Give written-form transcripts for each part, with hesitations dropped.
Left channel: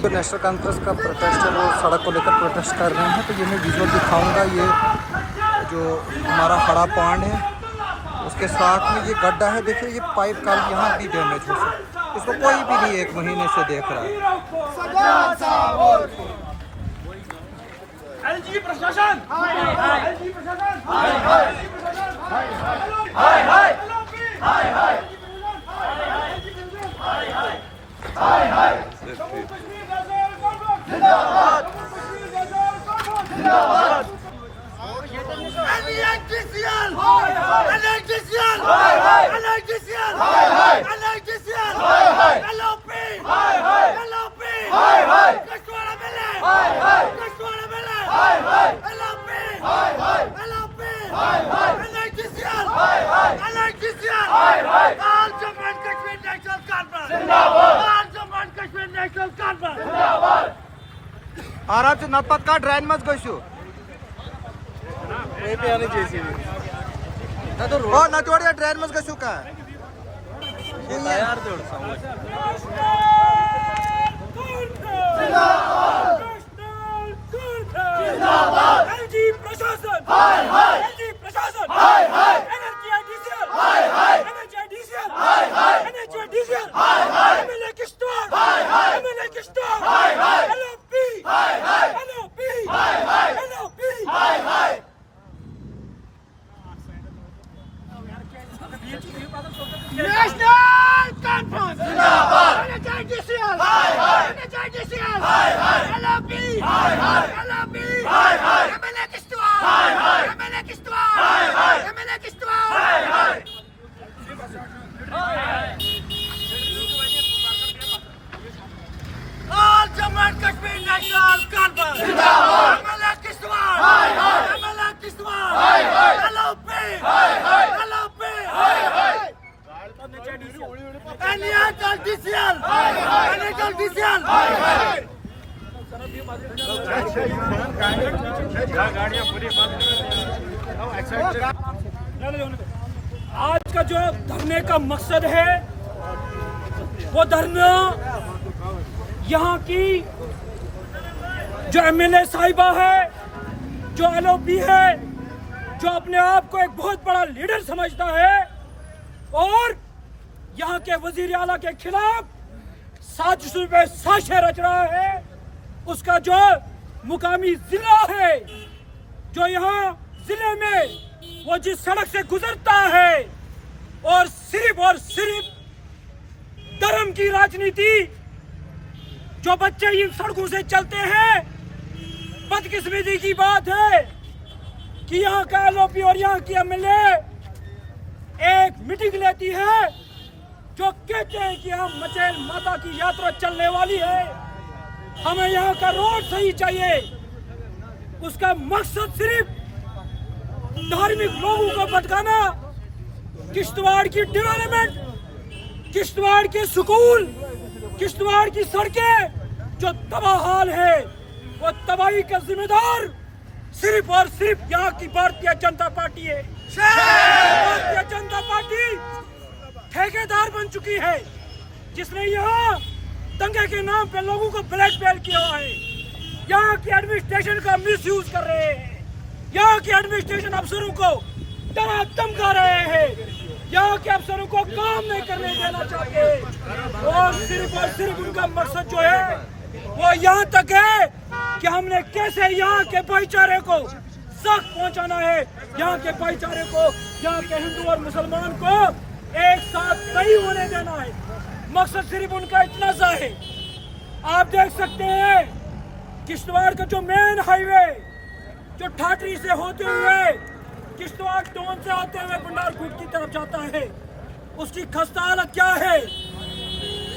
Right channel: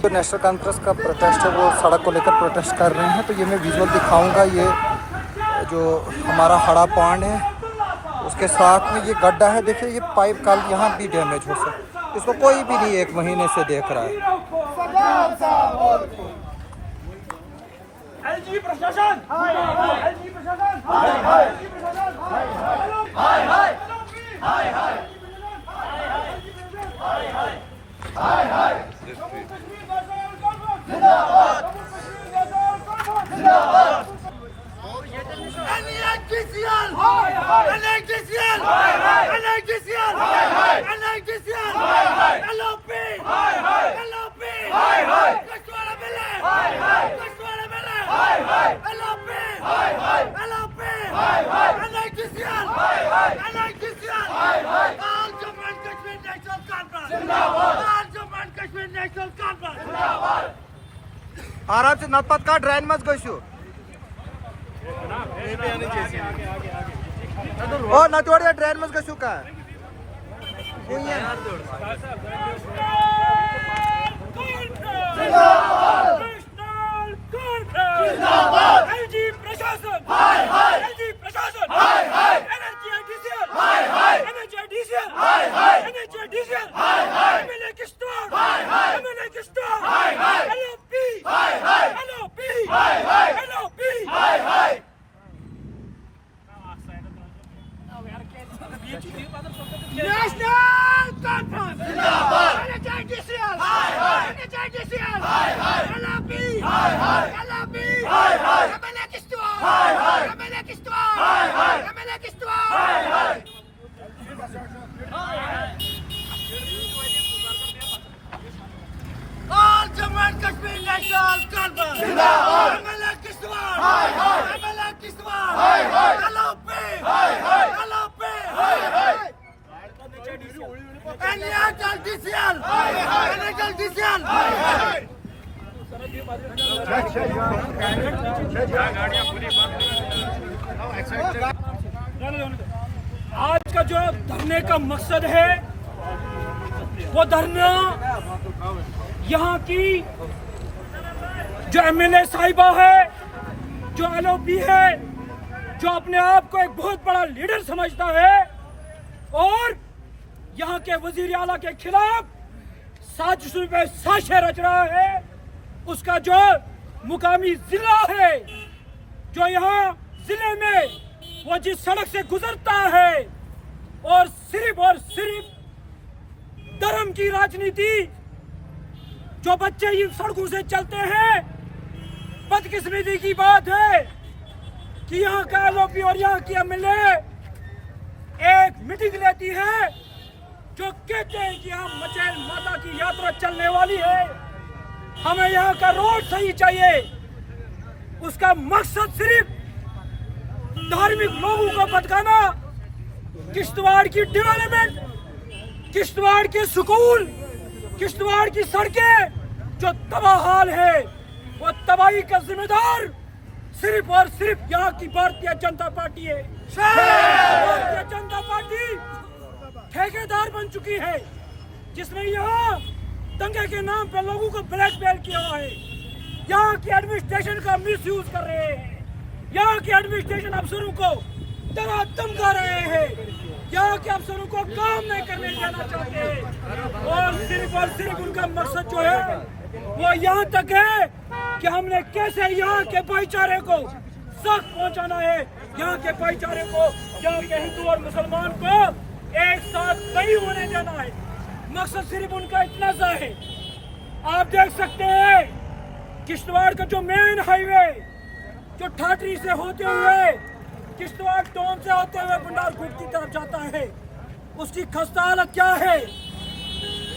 जो national conference का protest है वो सड़क को लेकर प्रोटेस्ट कर रहे हैं। तो ये मैं विजुअल दिखाऊंगा। ये जो हमारा हड़ा पांड है उसके साथ में ये गड्ढा है। देखिए ये पाइप कल यहाँ भी डैमेज हो सकता, इसको कोई भी नहीं 1 महीने से देख रहा है। एलजी प्रशासन आराम से नपत का ड्रेन मत गयो ओ न तोड़िया ड्रेन मत गयो का एलजी प्रशासन एलजी प्रशासन एमएलए आज का जो धरने का मकसद है वो धरना यहाँ की जो एमएलए साहिबा है, जो एलओपी है, जो अपने आप को एक बहुत बड़ा लीडर समझता है और यहाँ के वजीर आला के खिलाफ साजिशों पे साजिशें रच रहा है, उसका जो मुकामी जिला है, जो यहाँ जिले में वो जिस सड़क से गुजरता है और सिर्फ धर्म की राजनीति, जो बच्चे इन सड़कों से चलते हैं, बदकिस्मती की बात है कि यहाँ का एलओपी और यहाँ की एमएलए एक मीटिंग लेती है जो कहते हैं कि हम मचेल माता की यात्रा चलने वाली है, हमें यहाँ का रोड सही चाहिए। उसका मकसद सिर्फ धार्मिक लोगों को भटकाना, किश्तवाड़ की डेवलपमेंट, किश्तवाड़ के स्कूल, किश्तवाड़ की सड़कें जो तबाह हाल है, वो तबाही का जिम्मेदार सिर्फ और सिर्फ यहाँ की भारतीय जनता पार्टी है। भारतीय जनता पार्टी ठेकेदार बन चुकी है, जिसने यहाँ दंगे के नाम पे लोगों को ब्लैकमेल किया है। यहाँ की एडमिनिस्ट्रेशन का मिसयूज कर रहे हैं, यहाँ के एडमिनिस्ट्रेशन अफसरों को धमका रहे हैं, यहाँ के अफसरों को काम नहीं करने देना चाहते और सिर्फ उनका मकसद जो है वो यहाँ तक है कि हमने कैसे यहाँ के भाईचारे को सख्त पहुँचाना है, यहाँ के भाईचारे को, यहाँ के हिंदू और मुसलमान को एक साथ नहीं होने देना है। मकसद सिर्फ उनका इतना सा है। आप देख सकते हैं किश्तवाड़ का जो मेन हाईवे जो ठाठरी से होते हुए किश्तवाड़ टाउन से होते हुए भंडारकोट की तरफ जाता है, उसकी खस्ता हालत क्या है।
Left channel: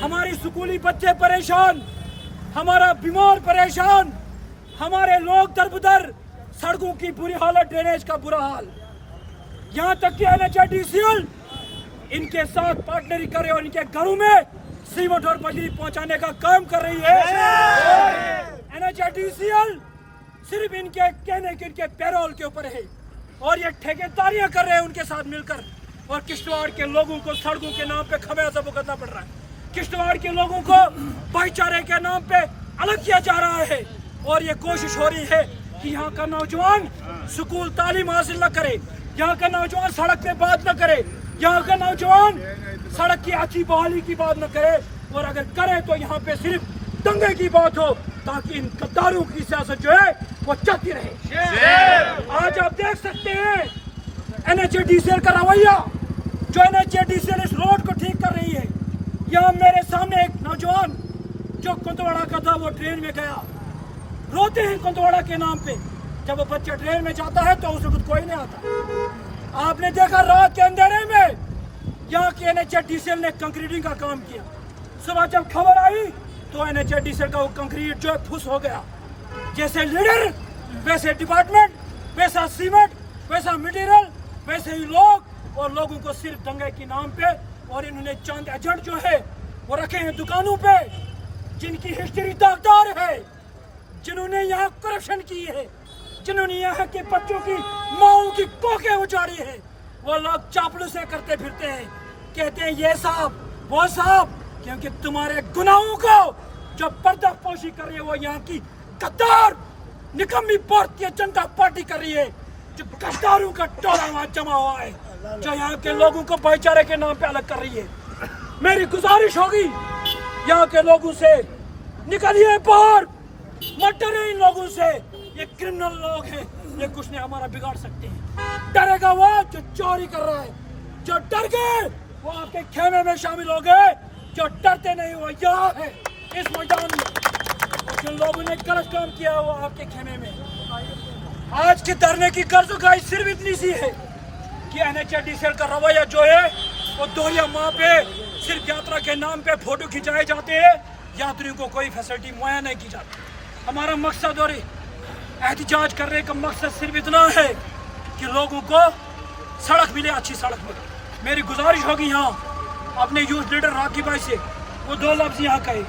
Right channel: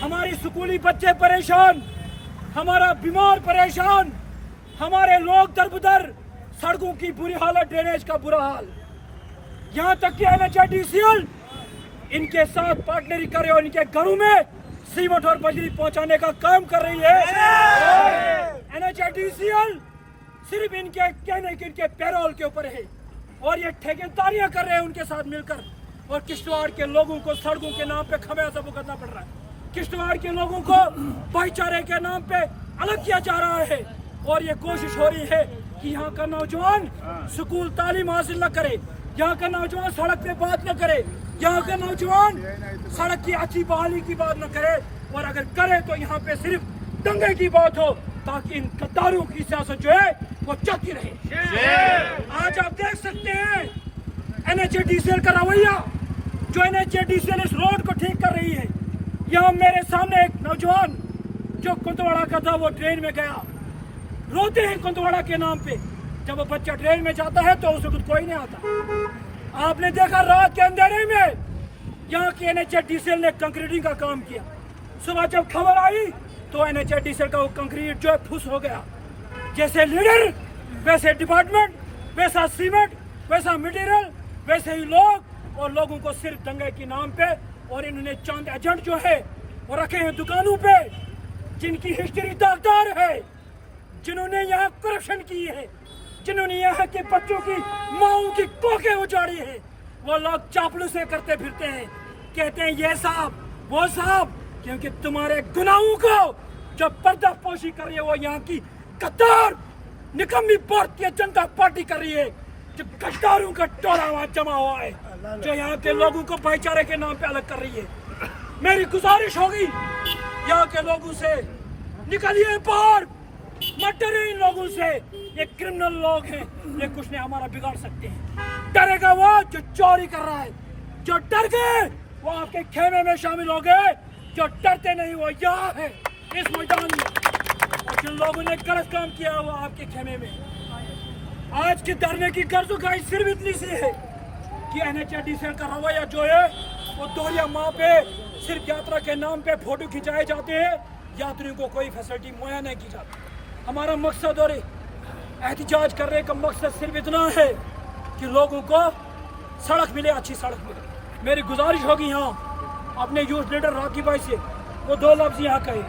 हमारी स्कूली बच्चे परेशान, हमारा बीमार परेशान, हमारे लोग दरबदर, सड़कों की बुरी हालत, ड्रेनेज का बुरा हाल। यहाँ तक कि NHIDCL इनके साथ पार्टनरी करे और इनके घरों में सीमेंट और बजरी पहुंचाने का काम कर रही है। और NHIDCL सिर्फ इनके कहने के इनके पैरोल के ऊपर है और ये ठेकेदारियां कर रहे हैं उनके साथ मिलकर, और किश्तवाड़ के लोगों को सड़कों के नाम पे खमियाजा भुगतना पड़ रहा है। किश्तवाड़ के लोगों को भाईचारे के नाम पे अलग किया जा रहा है और ये कोशिश हो रही है कि यहाँ का नौजवान स्कूल तालीम हासिल न करे, यहाँ का नौजवान सड़क पे बात न करे, यहाँ का नौजवान सड़क की अच्छी बहाली की बात न करे, और अगर करे तो यहाँ पे सिर्फ दंगे की बात हो, ताकि इन गद्दारों की सियासत जो है वो चलती रहे। आज आप देख सकते हैं NHADCL का रवैया, जो NHADCL इस रोड को ठीक कर रही है। यहाँ मेरे सामने एक नौजवान जो कुंदवाड़ा का था वो ट्रेन में गया, रोते हैं कुंदवाड़ा के नाम पे। जब वो बच्चा ट्रेन में जाता है तो उस वक्त कोई नहीं आता। आपने देखा रात के अंधेरे में यहाँ की NHADCL ने कंक्रीटिंग का काम किया। सुबह जब खबर आई तो NHADCL का वो कंक्रीट जो है फुस हो गया। जैसे लीडर वैसे डिपार्टमेंट, वैसा सीमेंट, वैसा मटेरियल, वैसे ही लोग, और लोगों को सिर्फ दंगे के नाम पे। और इन्होंने चंद एजेंट जो है वो रखे हैं दुकानों पे, जिनकी हिस्ट्री दागदार है, जिन्होंने यहाँ करप्शन की है, जिन्होंने यहाँ के बच्चों की माओं की कोखें उजाड़ी है। वो लोग चापलूसे करते फिरते हैं, कहते हैं ये साहब वो साहब, क्योंकि तुम्हारे गुनाहों को जो पर्दापोशी कर रही है वो यहाँ की गद्दार निकम्मी भारतीय जनता पार्टी कर रही है, जो गद्दारों का टोला वहाँ जमा हुआ है, जो यहाँ के लोगों को भाईचारे के नाम पे अलग कर रही है। मेरी गुजारिश होगी यहाँ के लोगों से, निकलिए बाहर, मत डरे इन लोगों से। ये क्रिमिनल लोग हैं, ये कुछ नहीं हमारा बिगाड़ सकते हैं। डरेगा वो जो चोरी कर रहा है, जो डर गए वो आपके खेमे में शामिल हो गए, जो डरते नहीं वो यहाँ है इस मैदान में, और जिन लोगों ने गलत काम किया वो आपके खेमे में। आज के धरने की गर्ज गाई सिर्फ इतनी सी है कि NHADCL का रवैया जो है वो दोहरिया माँ पे सिर्फ यात्रा के नाम पे फोटो खिंचाए जाते हैं, यात्रियों को कोई फैसिलिटी मुहैया नहीं की जाती। हमारा मकसद और एहतजाज करने का मकसद सिर्फ इतना है कि लोगों को सड़क मिले, अच्छी सड़क मिले। मेरी गुजारिश होगी यहाँ अपने यूथ लीडर राकी भाई से, वो 2 लफ्ज़ यहाँ कहे